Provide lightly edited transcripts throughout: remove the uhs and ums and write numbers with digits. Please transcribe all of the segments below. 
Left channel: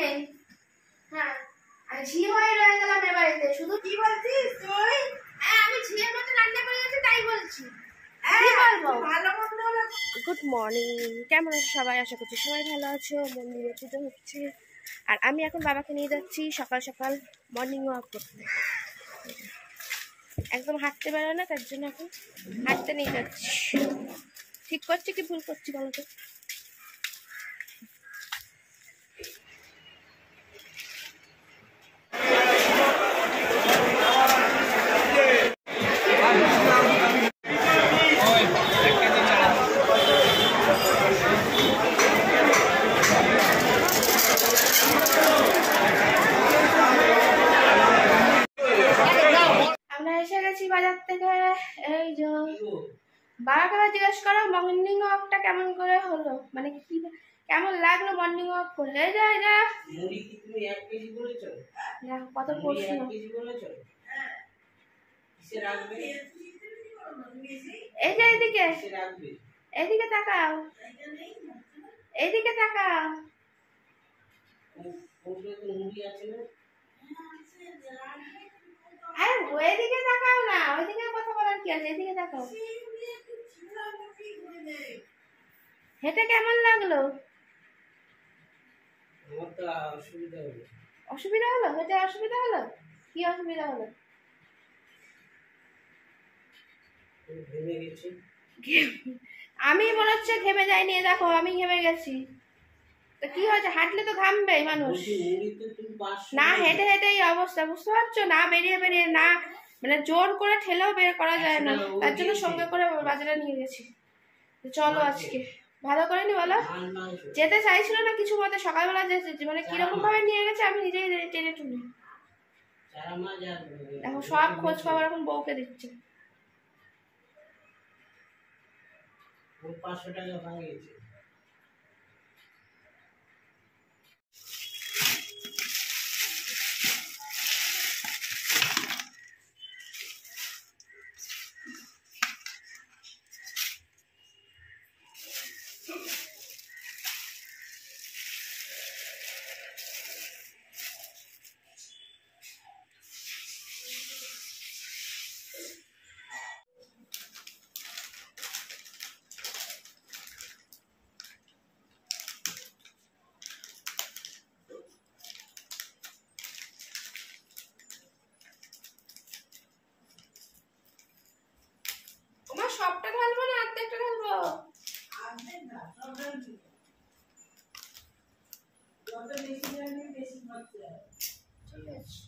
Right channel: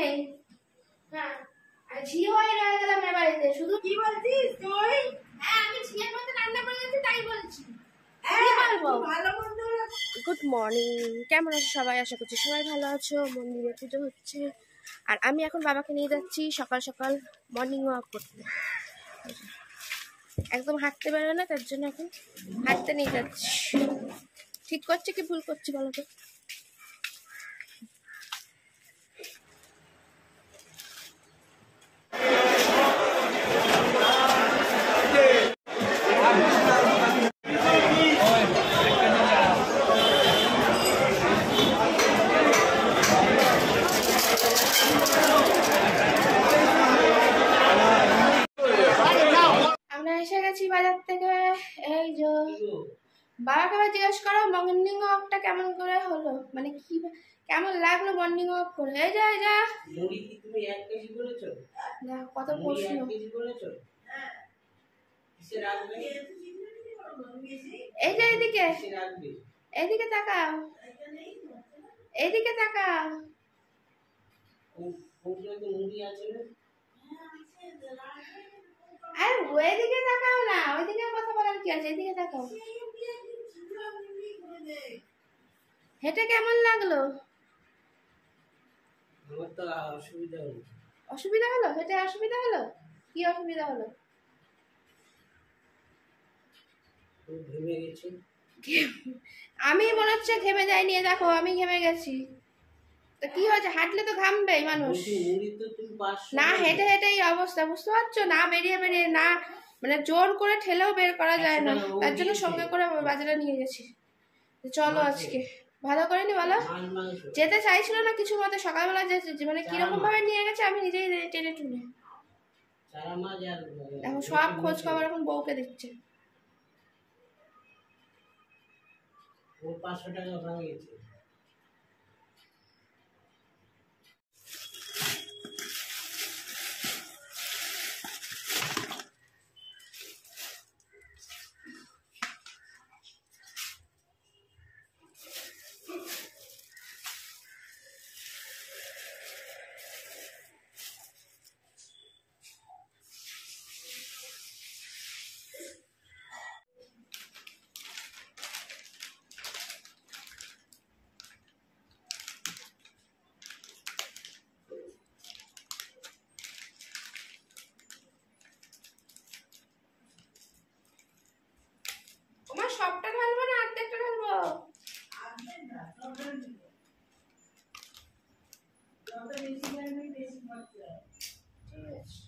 নেই। হ্যাঁ, আর ঝি হয়ে রয়ে গেলাম এ বাড়িতে। শুধু কি বলছিস তুই? হ্যাঁ, আমি ঝিয়ের মতো রান্না করে গেছি তাই বলছি। গুড মর্নিং, কেমন আছো সবাই? আশা করছি সবাই ভালো আছো। মন্দিরে পুজো হচ্ছে আর আমি এখন বাবাকে নিয়ে যাচ্ছি সকাল সকাল মর্নিং ওয়াক করতে। একদম হাঁটতে বেরোয় না, তার জন্য এখন হাঁটতে নিয়ে যাচ্ছি। ঠিক করছি কি ভুল করছি বলো তো? এসে গেছি বাজার থেকে। এই যে বাবাকে আবার জিজ্ঞেস করো মর্নিং ওয়াকটা কেমন করে হলো, মানে কি কেমন লাগলো মর্নিং ওয়াক করে। এই যা এই যা মুড়ি কি তুমি 1 কেজি বলেছো? না, কত প্রশ্ন। 1 কেজি বলেছো? হ্যাঁ, কিসে রাখবে? এই যে এদিকে, কিসে রাখবে? এদিকে তাকাও, এইদিকে তাকাও। ওখানে তো মুড়ি আছে না? আরে ওইদিকে তাকাও না, ওইদিকে কথা বলার কি আছে, এদিকে তাকাও। হেঁটে কেমন লাগলো? আমার তো অসুবিধা হলো। অসুবিধা হলো? হেঁটে অসুবিধা হলো? কি অসুবিধা হলো? ঘেমে গেছি। আমি মনে হচ্ছে ঘেমে যাইনি, দেখো আমি ঘেমে গেছি। তো কি হয়েছে? হাঁটলে তো ঘামবেই মানুষ। না, হেঁটে হেঁটে এই অবস্থা, বুঝতে পারছো না? বেরিয়ে বেরিয়ে না, মানে জোর করে ঠেলেও বের করা যায় না, তার জন্য সঙ্গে করে বাজারে নিয়ে গেছি। চলো আজকে ভালো করে নি বলো। যেতে চাইছিল না কিছু মতে, সকালবেলা মানে কিরকম ভাবে নিয়ে গেছে আমি নিজেই টেনে টুনে। এখন সব খোঁজ খবর এখন বউকে দিচ্ছে। 500 টাকা ভাঙিয়েছে। সবটা ঢালবো না, অর্ধেকটা ঢালবো? ঠিক আছে।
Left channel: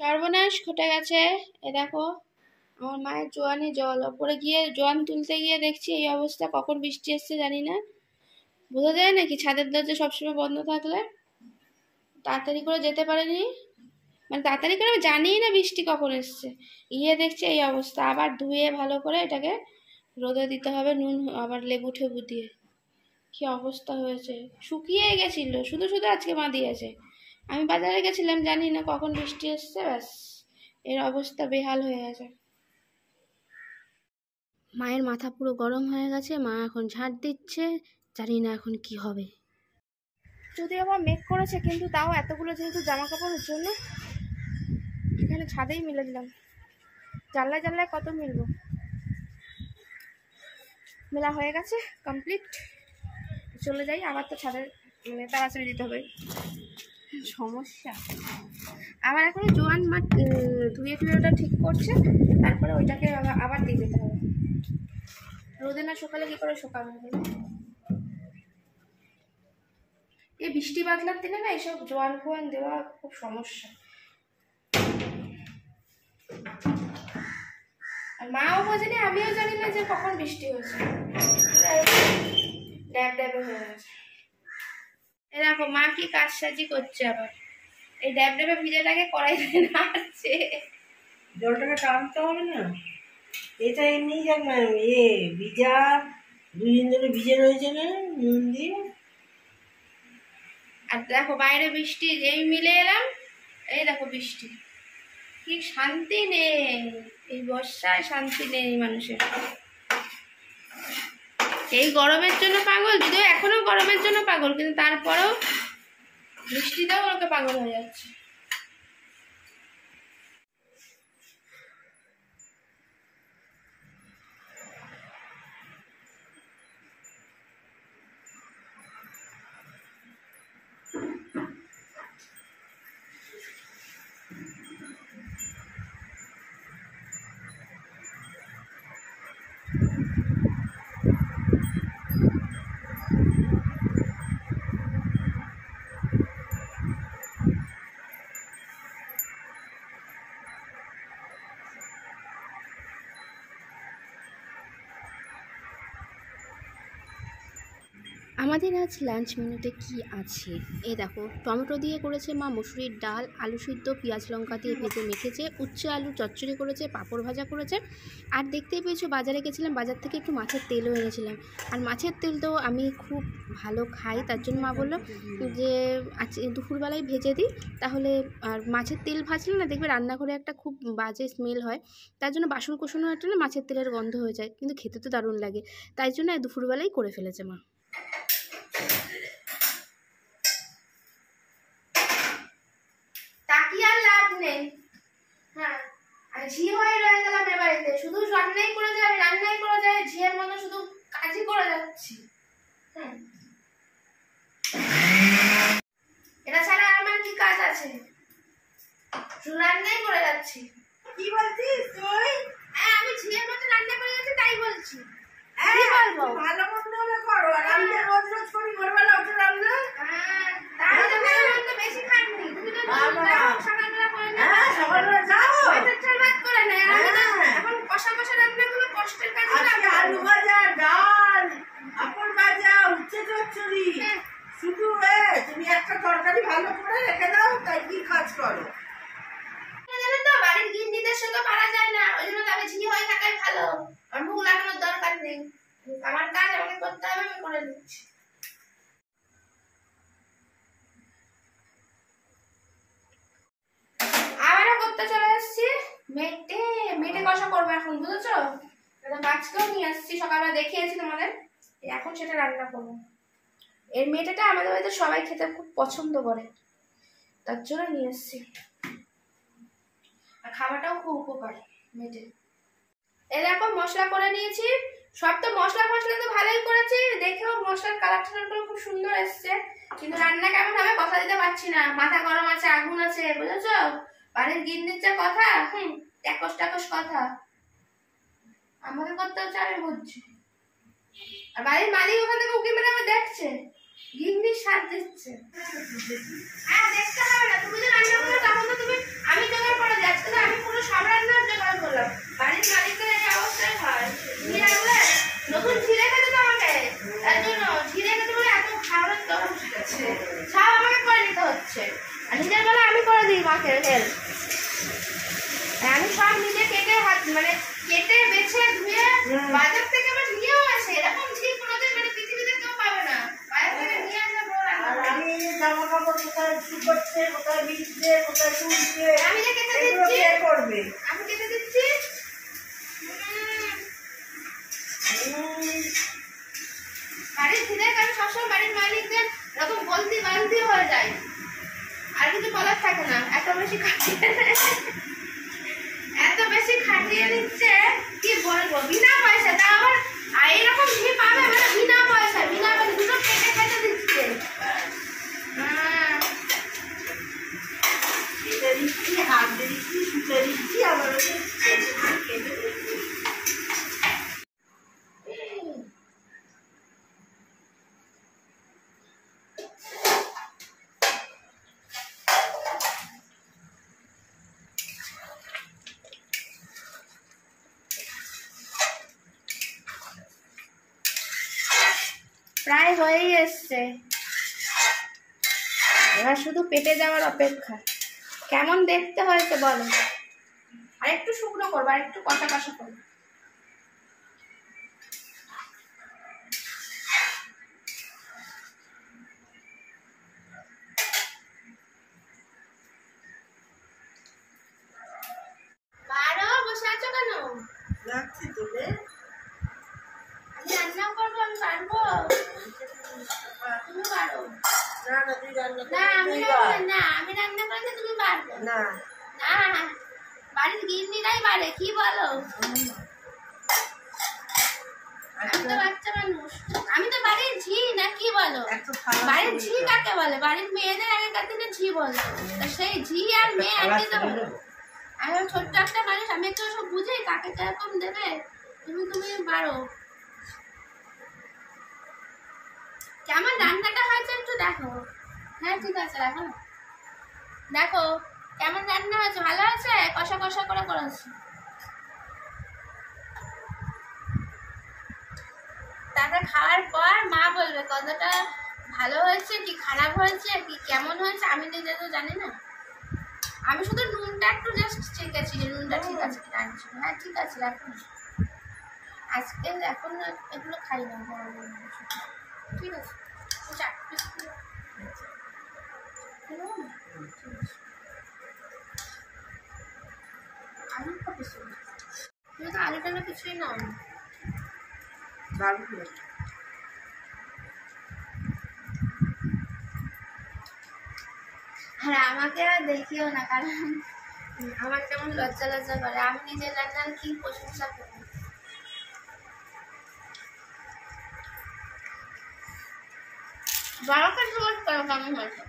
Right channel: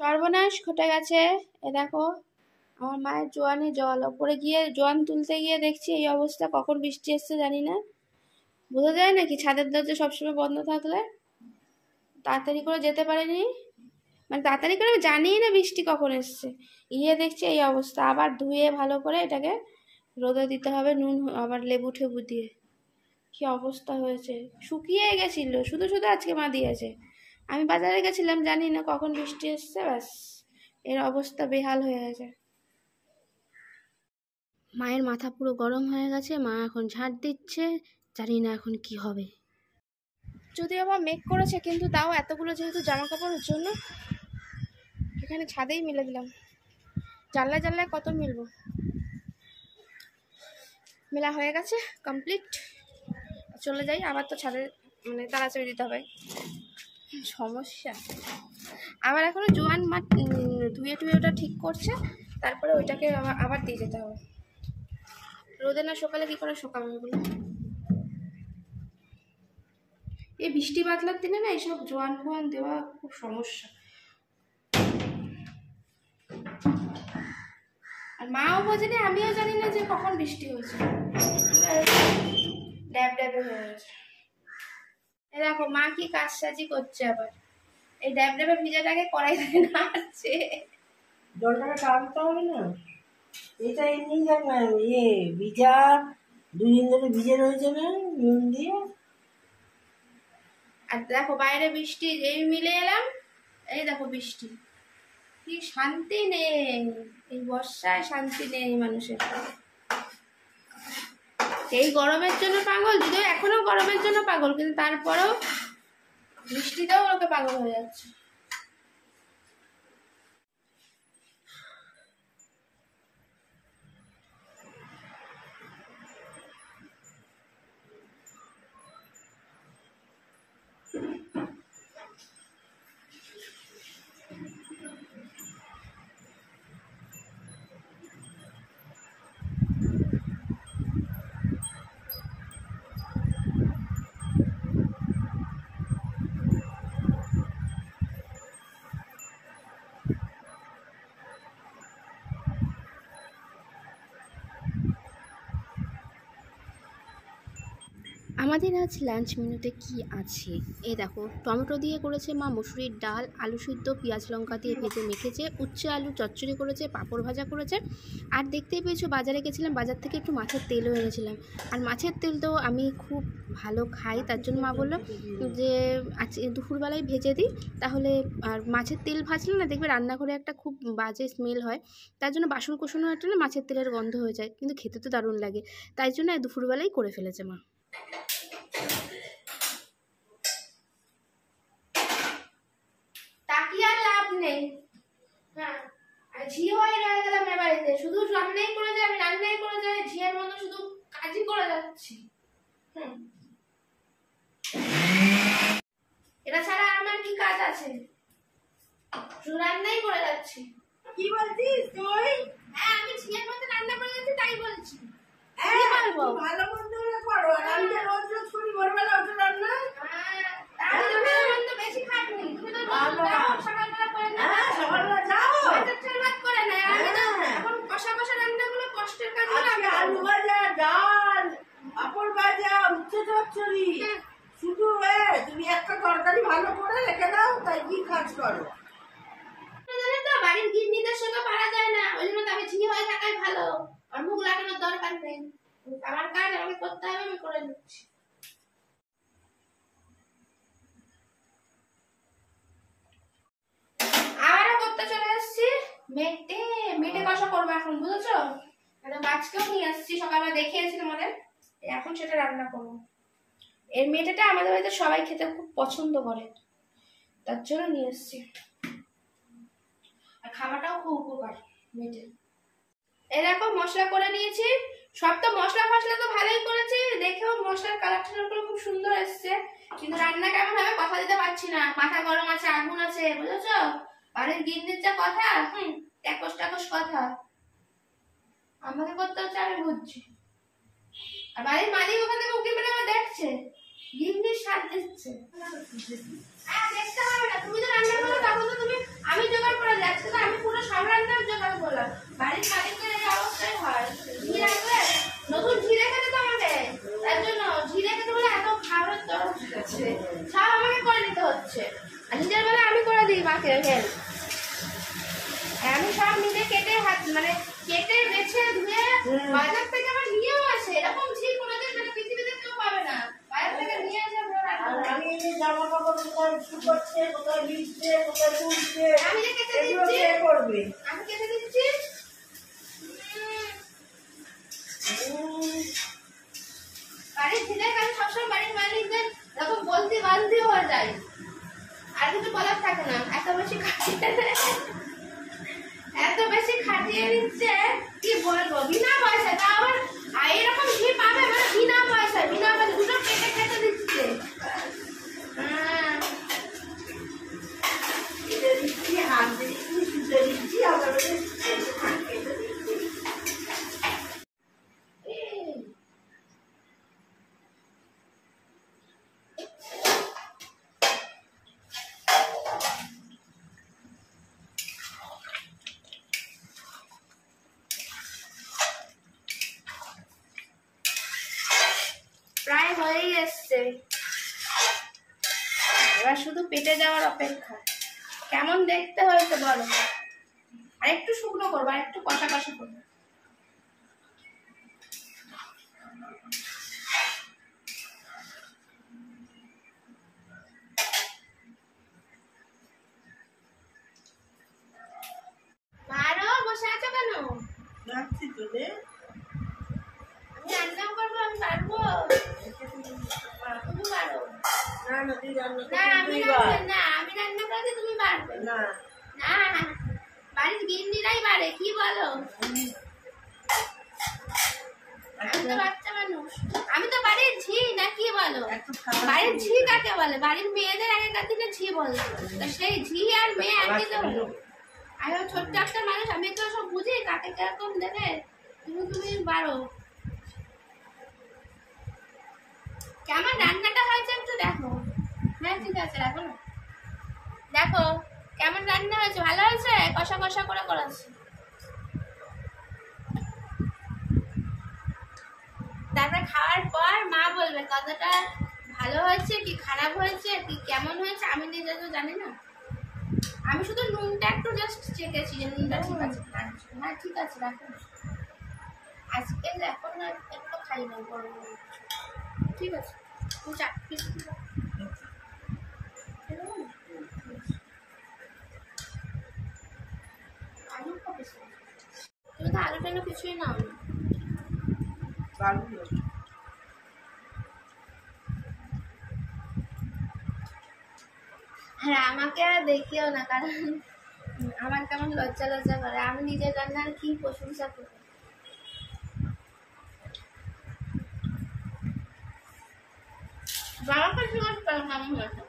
সর্বনাশ ঘটে গেছে। এ দেখো আমার মায়ের জোয়ানে জল, ওপরে গিয়ে জোয়ান তুলতে গিয়ে দেখছি এই অবস্থা। কখন বৃষ্টি এসছে জানি না, বোঝা যায় নাকি ছাদের দরজা সবসময় বন্ধ থাকলে? তাড়াতাড়ি করে যেতে পারেনি, মানে তাড়াতাড়ি করে আমি জানিই না বৃষ্টি কখন এসছে। গিয়ে দেখছি এই অবস্থা। আবার ধুয়ে ভালো করে এটাকে রোদে দিতে হবে, নুন আবার লেবু ঠেবু দিয়ে। কি অবস্থা হয়েছে, শুকিয়ে গেছিল, শুধু শুধু আজকে মা দিয়েছে। আমি বাজারে গেছিলাম, জানি না কখন বৃষ্টি এসছে, ব্যাস এর অবস্থা বেহাল হয়ে গেছে। মায়ের মাথা পুরো গরম হয়ে গেছে, মা এখন ঝাঁট দিচ্ছে, জানি না এখন কি হবে। যদি আবার মেঘ করেছে, কিন্তু তাও এতগুলো যেহেতু জামা কাপড়ের জন্য এখানে ছাদেই মিলে দিলাম। জানলায় জানলায় কত মিলবো। মেলা হয়ে গেছে, কমপ্লিট। চলে যাই আবার, তো ছাদে মানে তাড়াতাড়ি দিতে হবে, সমস্যা। আবার এখনো জোয়ান মাঠ ধুয়ে টুয়ে ওটা ঠিক করছে, তারপরে ওইটাকে আবার দিয়ে যেতে হবে। রোদে না সকালে কি করে শুকাবে বলে? এই বৃষ্টি বাদলার দিনে না এইসব জোয়ান ফোয়ান দেওয়া খুব সমস্যা। আর মাও বোঝেনি, আমিও জানি না যে কখন বৃষ্টি হয়েছে, ড্যাব ড্যাবে হয়ে গেছে। এ দেখো মা কি কাজসাজি করছে আবার, এই ড্যাব ড্যাবে ভিজাটাকে কড়াই ধরে নাড়ছে। জলটাকে টানতে হবে না, এটা এমনি ভিজা 2 দিন ধরে ভিজে রয়েছে না নুন দিয়ে। আর দেখো বাইরে বৃষ্টি, এই মিলে এলাম, এই দেখো বৃষ্টি, কি শান্তি নেই এই বর্ষায়, শান্তি নেই মানুষের। এই গরমের জন্য পাগল, যদিও এখনো গরমের জন্য পাগল, কিন্তু তারপরেও বৃষ্টিতেও লোকে পাগল হয়ে যাচ্ছে। আমাদের আজ লাঞ্চ মেনুতে কি আছে, এই দেখো টমেটো দিয়ে করেছে মা মসুরির ডাল, আলু সিদ্ধ পেঁয়াজ লঙ্কা দিয়ে ভেজে মেখেছে, উচ্ছে আলু চচ্চড়ি করেছে, পাঁপড় ভাজা করেছে। আর দেখতেই পেয়েছো বাজারে গেছিলাম, বাজার থেকে একটু মাছের তেলও এনেছিলাম। আর মাছের তেল তো আমি খুব ভালো খাই, তার জন্য মা বললো যে আজ দুপুরবেলায় ভেজে দিই, তাহলে আর মাছের তেল ভাজলে না দেখবে রান্নাঘরে একটা খুব বাজে স্মেল হয়, তার জন্য বাসন কোসনও একটা না মাছের তেলের গন্ধ হয়ে যায়, কিন্তু খেতে তো দারুণ লাগে, তাই জন্য দুপুরবেলাই করে ফেলেছে মা। তাকিয়ে আর লাভ নেই, হ্যাঁ আর ঝি হয়ে রয়ে গেলাম এ বাড়িতে, শুধু রান্নাই করে যাই, আমি রান্নাই করে যাই, ঝিয়ের মতো শুধু কাজই করে যাচ্ছি। এটা ছাড়া আমার কি কাজ আছে, শুধু রান্নাই করে যাচ্ছি। কি বলছিস তুই? হ্যাঁ আমি ঝিয়ের মতো রান্না করে যাচ্ছি, তাই বলছি। ভালো মন্দ হলে করো, আর আমি যে রোজ রোজ করি ভোরবেলা উঠে রান্না। তার জন্য তো বেশি খাটনি, তুমি তো সকালবেলা করে না, সকালবেলা যাও ভাত করে না, এখন কষা কষা রান্নাগুলো কষ্টের কাজ। আলু ভাজা, ডাল, পাঁপড় ভাজা, উচ্ছে চচ্চড়ি, শুধু তুমি একটা তরকারি ভালো করে রেখে দাও, তাই কি কাজ করো? জানো তো বাড়ির গিন্নিদের সঙ্গে পারা যায় না, ওই জন্য তবে ঝি হয়ে থাকাই ভালো, আর মুখ লাগানোর দরকার নেই, আমার কাজ আমাকে করতে হবে, আমি করে দিচ্ছি। আবারও করতে চলে এসেছি, মেটে কষা করবো এখন, বুঝেছো? একটা মাছকেও নিয়ে আসছি, সকালবেলা দেখিয়েছি তোমাদের, এখন সেটা রান্না করবো। এর মেটেটা আমাদের বাড়িতে সবাই খেতে খুব পছন্দ করে, তার জন্য নিয়ে এসেছি, আর খাওয়াটাও খুব উপকার মেটে। এ দেখো মশলা করে নিয়েছি, সব তো মশলা তো ভালোই করেছি, দেখেও মশলার কালার টালারগুলো খুব সুন্দর এসছে, কিন্তু রান্না কেমন হবে কথা দিতে পারছি না, মাথা গরম আছে, আগুন আছে, বুঝেছো? বাড়ির গিন্নির যা কথা, ট্যাকস ট্যাকস কথা, আমাকে করতে হচ্ছে, আমি বুঝছি। আর বাড়ির মালিক ওখান থেকে উকি মেরে আমার দেখছে, গিন্নির স্বাদ দিচ্ছে। হ্যাঁ দেখতে হবে না, তুমি তো রান্না করো তখন তো তুমি, আমি জোগাড় করে যাচ্ছি না, আমি পুরো সব রান্নার জোগাড় করলাম, বাড়ির মালিকের এই অবস্থায় হয়। ঝি রাখলে নতুন ঝি রেখেছে তো আমাকে, তার জন্য ঝি রেখেছে বলে এত খাবারের তরফ আছে, সব আমাকে করে নিতে হচ্ছে, আর নিজের বেলা আমি করে দিই মাকে হেল্প, আমি সব নিজে কেটে হাত মানে কেটে বেছে ধুয়ে বাজার থেকে আবার নিয়েও আসে, এরকম ঝি কোনোদিন মানে পৃথিবীতে কেউ পাবে না, বাজার থেকে নিয়ে আসে। আমি জামা কাপড় কোথায় শুকোচ্ছে, কোথায় ভিজছে, কোথায় তুলছে, আমি যে কেটে দিচ্ছি, করবে আমি কেটে দিচ্ছি। বাড়ির ঝিদের কাছে সবসময় বাড়ির মালিকদের এরকম বলতি বালতি হয়ে যায়, আর কিছু বলার থাকে না, এত বেশি খাটিয়ে নিচ্ছে কি বলবো, বিনা পয়সা, তা আবার এরকম ঝি প্রায় হয়েই এসছে, এবার শুধু পেটে যাওয়ার অপেক্ষা। কেমন দেখতে হয়েছে বলো? আর একটু শুকনো করবো, আর একটু কষা কষা করবো। বারো বসে আছো কেন? যাচ্ছি তো রে। আমি রান্না করবো, আমি পারবো। তুমি পারো না না, তুই রান্না না, করবি আমি রান্না করলে তুমি পারবে না। না, বাড়ির গিন্নিরাই পারে, কি বলো? আমি তো বাচ্চা মানুষ, আমি তো বাড়ির ঝি, না কি বলো? বাড়ির ঝি কাকে বলে? বাড়ির মেয়েদের আগেকার দিনে ঝি বলতো, তা সেই ঝি আর মেয়ে একই তো হলো। আমি ছোট্ট একটা মানুষ, আমি তো সব বুঝি কাকে কিরকম দেবে। তুমি পারো। কেমন রান্নাটা হয়েছে একটু দেখো। হ্যাঁ ঠিক আছে, রাখো না। দেখো কেমন রান্না হয়েছে, ভালো হয়েছে? কষা কষা করে করেছি। তাতে খাওয়ার পর মা বলবে কতটা ভালো হয়েছে কি খারাপ হয়েছে কি কেমন হয়েছে, আমি নিজে তো জানি না। আমি শুধু নুনটা একটু জাস্ট চেকেছি যে নুনটা ঠিক আছে কিনা। হ্যাঁ ঠিক আছে, রাখো। আজকে এখন এগুলো খাই না, বড় বড় ঠিক আছে। তুমি 4 পিস আলু কত? তুমি তো আলু টালু কিছুই নাও না। আর আমাকে আর দেখিও না, কারণ আমার কেমন লজ্জা লজ্জা করে। আমি নিজের রান্নার কি প্রশংসা করি। বাবাকে জিজ্ঞেস করো কেমন হয়েছে।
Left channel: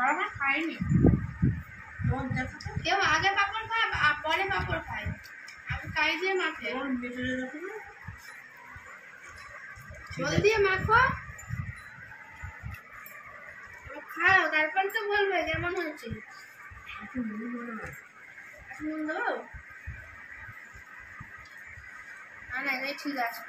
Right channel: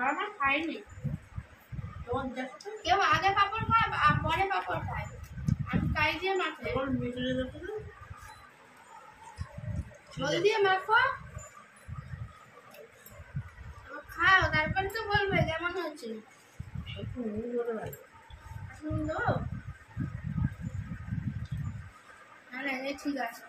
বাবা খাইনি, কেউ আগে পাপড় খায় পরে পাপড় খায়, আমি খাই দিয়ে মাখে। জল দিয়ে মাখো, খাও, তারপর তো বলবে কেমন হয়েছে। নুন দেবো? না না, এটাই ঠিক আছে।